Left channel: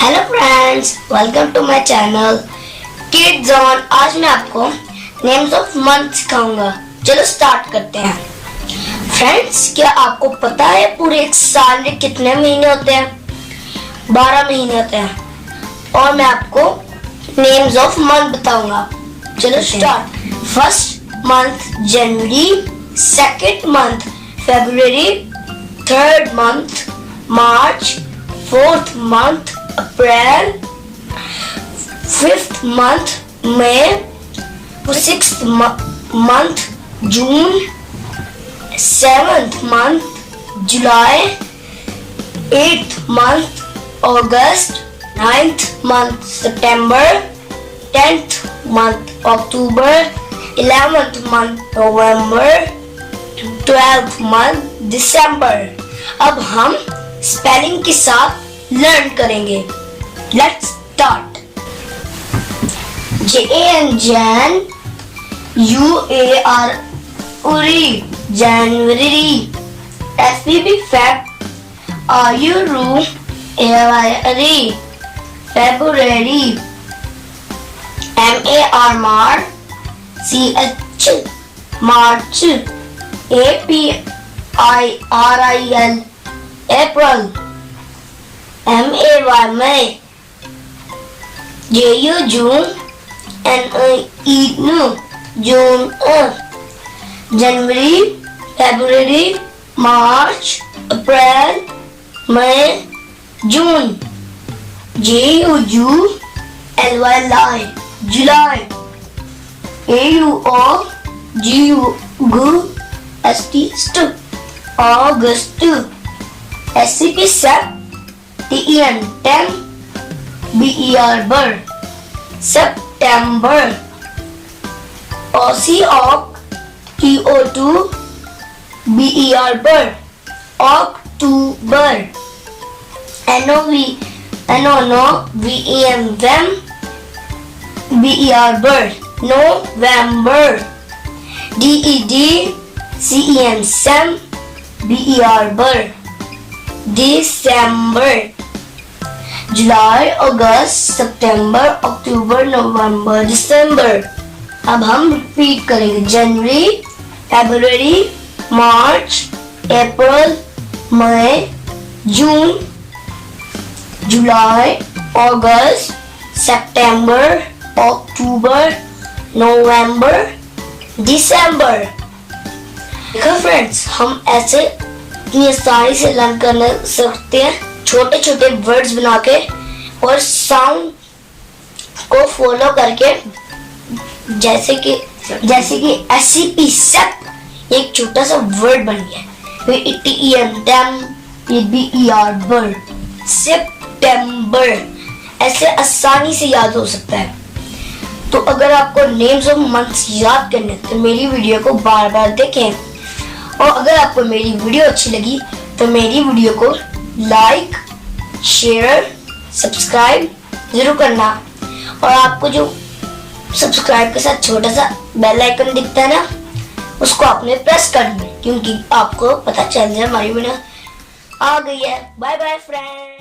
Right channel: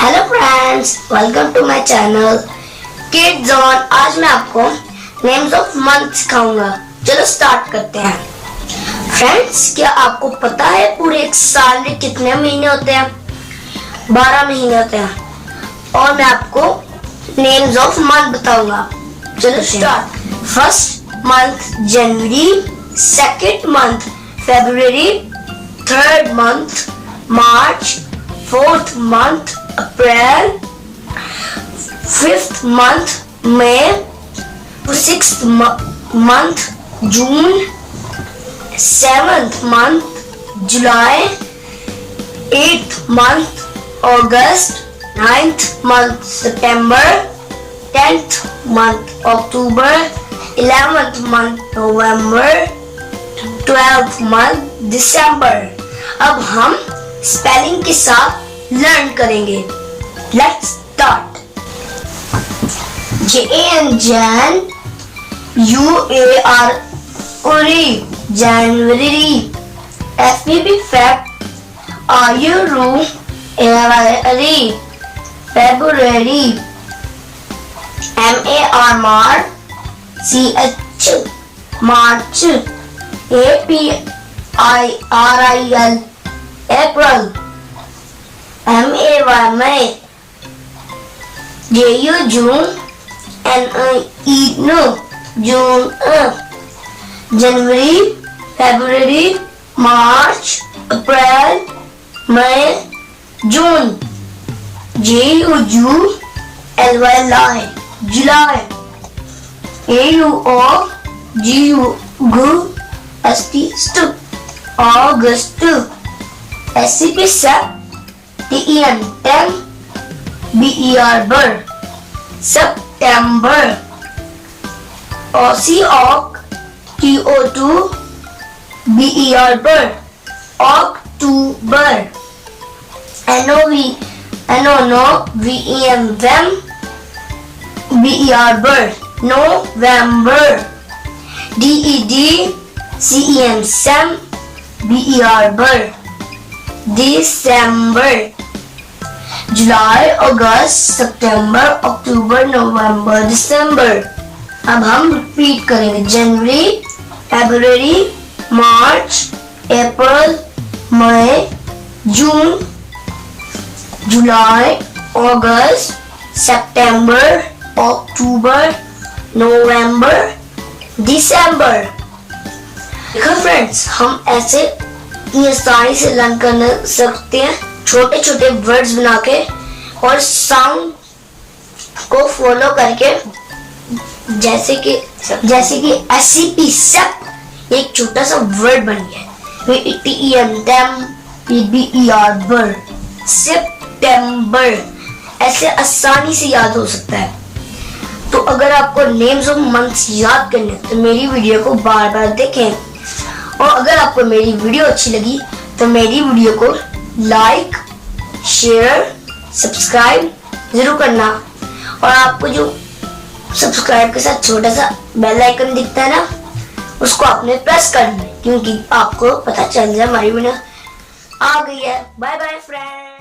Hello friends, welcome to my channel kids on. आज मैं आपको नेम्स ऑफ मंथ सिखाऊंगा। चलो स्टार्ट करते हैं। फ्रेंड्स, क्या आपको पता है पूरे एक साल में कितने महीने होते हैं? 12 महीने होते हैं और मैं आपको नेम्स ऑफ मंथ बताऊंगा। चलो start. First month January, second month February, third month March, fourth month April, fifth month May, sixth month June, seventh month July, eighth month August, ninth month September, tenth month October, 11th month November, 12th month December. अब हम spelling के साथ learn करेंगे। Let's start. JAN Jan, UAR Uri January, FBB Feb, RURU February, February, MAR Mar, CH March, APRIL April, MAY May, JU June, NE June, January, February, March, April, May, June, JULY July, AUGUST August, SCP Sep, TEN Tem, BER Ber, September, OC TO2 BER Ber, October, NONO VEM Vem, BER Ber, November, DED CEM Sem, BER Ber, December, जुलाई, अगस्त, सितंबर, अक्टूबर, नवंबर, दिसंबर। अब हम repeat करेंगे। जनवरी, फरवरी, मार्च, अप्रैल, मई, जून, जुलाई, अगस्त, सितंबर, अक्टूबर, नवंबर, दिसंबर। देखो friends, हम ऐसे ये आसानी से learn कर सकते हैं छोटे छोटे वर्ड्स बना के और साउंड को फॉलो करके। जैसे कि SCP सेप एक छोटा सा वर्ड बन गया। TEN Tem, BER Ber, सितंबर। ऐसे आसानी से याद हो सकता है। तो अगर आपको नेम्स ऑफ मंथ्स याद करने तो मेरी वीडियो को बार बार देखें। और अगर आपको मेरी वीडियो अच्छी लगी तो मेरी वीडियो को लाइक, शेयर, सब्सक्राइब जरूर करना। और आपको जो सब्सक्राइब के साथ छोटा सा बेल आइकन दिखता है ना, उसको आपने प्रेस करना, क्योंकि आपको पता चल जाए हमारी वीडियो आ गई है। Bye bye friends.